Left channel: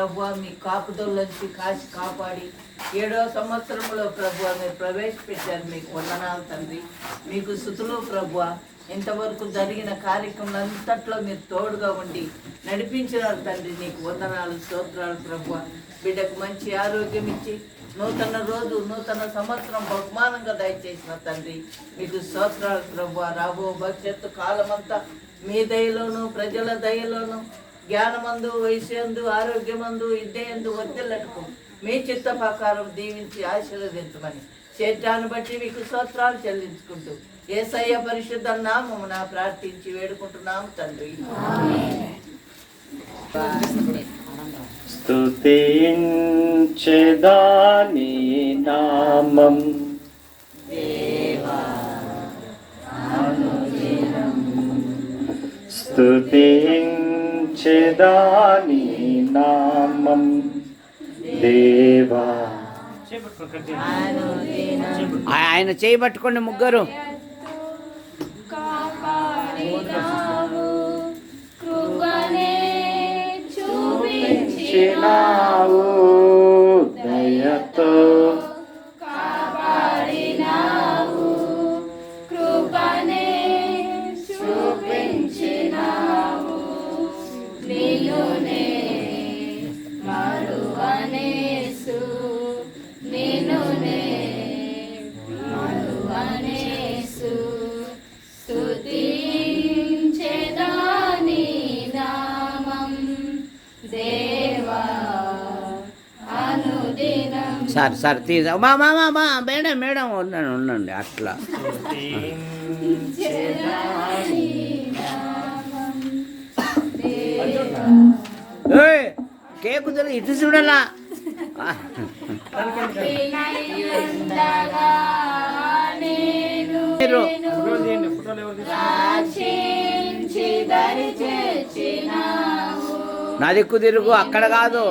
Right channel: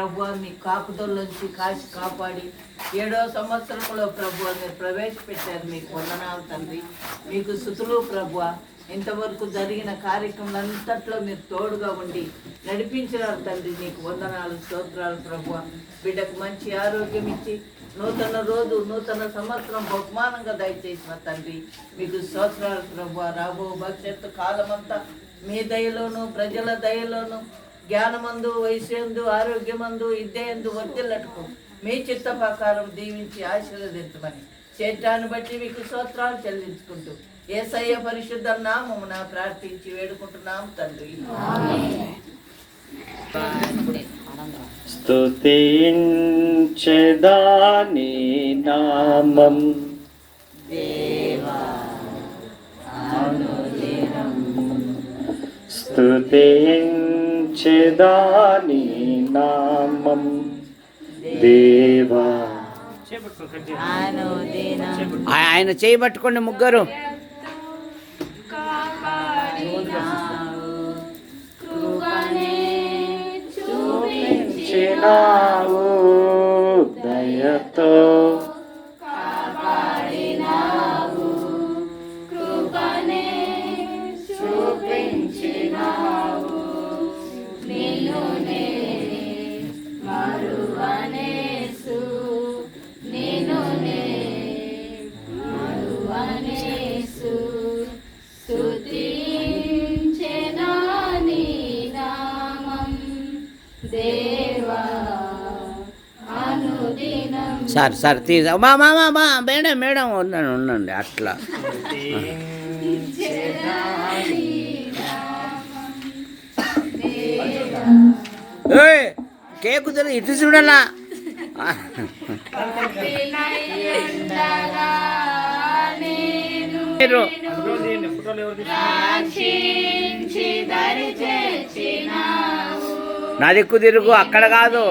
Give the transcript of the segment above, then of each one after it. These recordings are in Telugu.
ప్రభువా మీ కాపుదల్లోంచి కాచి కాపాడి 7వ సంవత్సరంలో ప్రభువా మీరు ప్రవేశపెట్టారు. మీకు వందనాలు తండ్రి, మీకు స్తుతులు ప్రభువా. ఇంతవరకు జరిగిన కార్యక్రమాలంతట్లో మీరు తోడుగా ఉండి నడిపించినారు తండ్రి. నీకు వందనాలు, స్తోత్రాలు ప్రభువా. బిడ్డకు మంచి ఆరోగ్యం ఇచ్చి నూతన రోజు, నూతన సంవత్సరం బహుమానంగా దయచేసిన తండ్రి మీకు స్తోత్రాలు ప్రభువా. రాబో భవిష్యత్తు కాలమంతా మీ దయలోను, ప్రజల దయలోను, జ్ఞానమందు, వయస్సు, ఆరోగ్యమందు, విద్యందు వర్ధిల్లటకు మీ చిత్త ప్రకారం దీవించి ఆశీర్వదించమని శరీరాన్ని బట్టి మీకు స్తోత్రాలు చెల్లించుకుంటూ యేసయ్య పరిశుద్ధ నామమున ప్రార్థించి వేడుకుంటున్నాము తండ్రి. స్తుతించెదాని నామం దేవా అనుదినం, స్తుతించెదాని నామం దేవా. ఆయన చేయబట్టుకోండి ముగ్గురు. చూపించినావు దయతో, కాపాడినావు కృపనే చూపించినావు, నిన్నునే మరువనేసు, నిన్నునే మరువనేసు, స్తుతించెదాని నామం దేవా అనుదినం. సార్ తీసా మేడం ఉండండి అట్లా. కేకు ఇటు చూడాలా. నా దిక్కు తిరుగు, అక్కడ కాదు.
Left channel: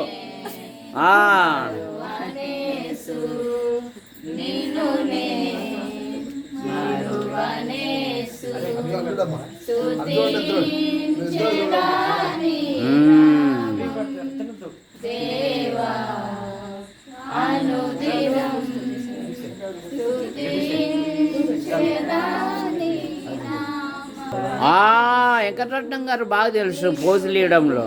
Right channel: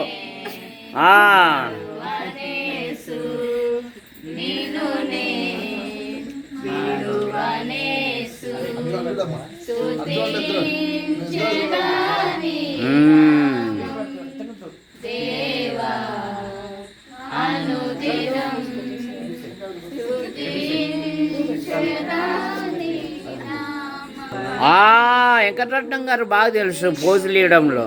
వెంకటరత్నం గారు బాగా తెలుసు పోజులు ఇవ్వడంలో.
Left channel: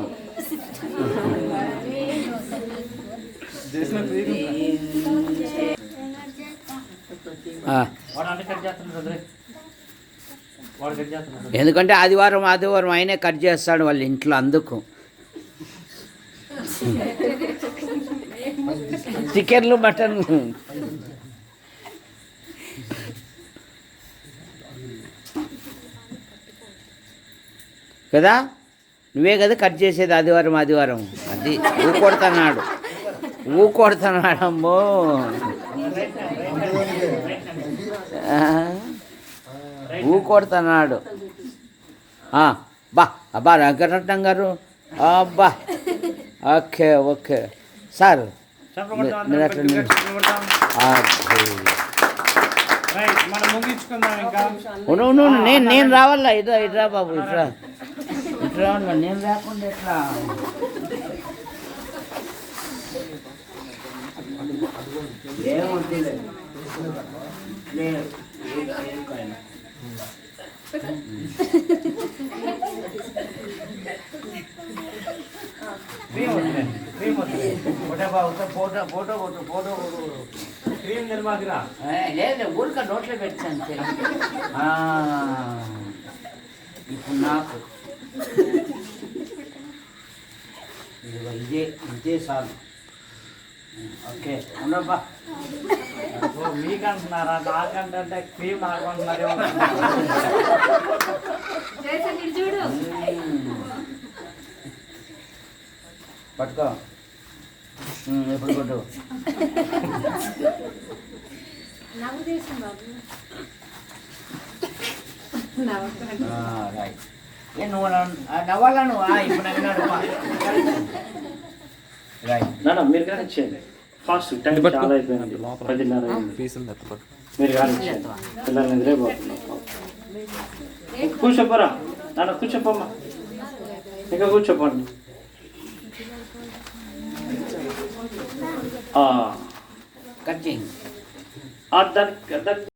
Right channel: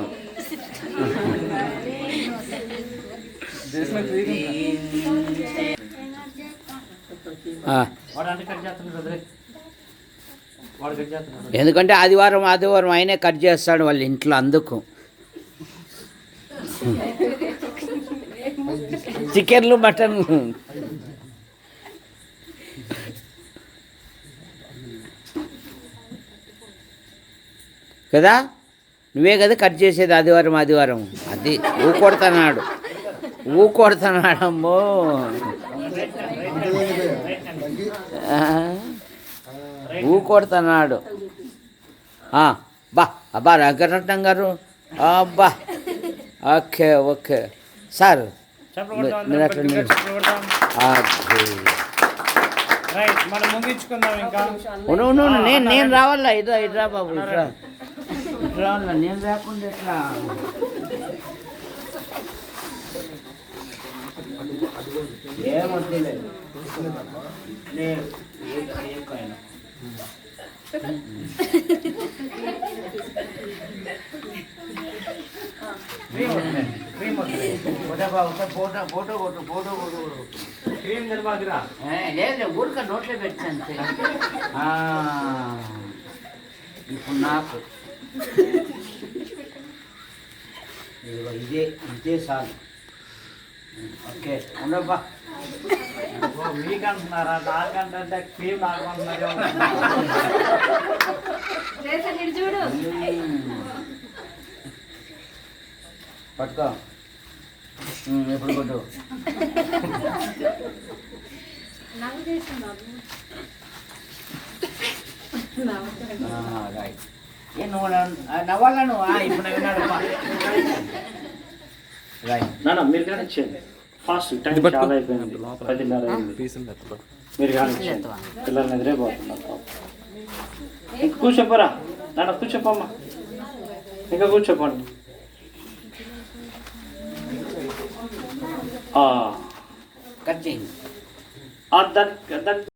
ఎందుకంటే ఆదివారం ఆయనే కట్ చేస్తాడు వాళ్ళ ఇంట్లో, అందుకు. చికెన్లు, మటన్ కదా, నువ్వే కదా కట్ చేసేది ఆదివారం. అది ఊకొడతానాడమ్మో. ఊకొడతానాడు. అబ్బా వెంకటరత్నం గారు, అబ్బా ఓకే సార్ మీరు అట్లా నేను రావాలా. ఇట్రా బాబు, ఇట్రా రావాలా. నేను రాకుండా ఎట్లా? ఏమొద్దులే. లేదు, ఊరిక నోట్లో పెట్టాను. ఇప్పుడు నాకు ఇదే చాలు. ఓకే ఉండబ్బా. మీకంటున్నారా? నాకంటే క్రీమ్ నాకుంటున్నారేమో. పట్టుకో, ఎప్పుడు కొట్టు. రైట్. నువ్వు నవ్వాలా? నువ్వు ఇప్పుడు నవ్వినాడు. రైట్. మీరు కానీ ఇచ్చేయండి ఫాస్ట్. టైం చాలా అయిపోయింది, 10:30 అయింది. మీరు కానీ ఇచ్చేయండి, పిల్లల్ని నిద్రైపోతున్నారు. కూర్చోపోరా నాన్న, కూర్చోపోమ్మా, ఇంకా కూర్చోపోండి. కట్ చేయండి. దానికి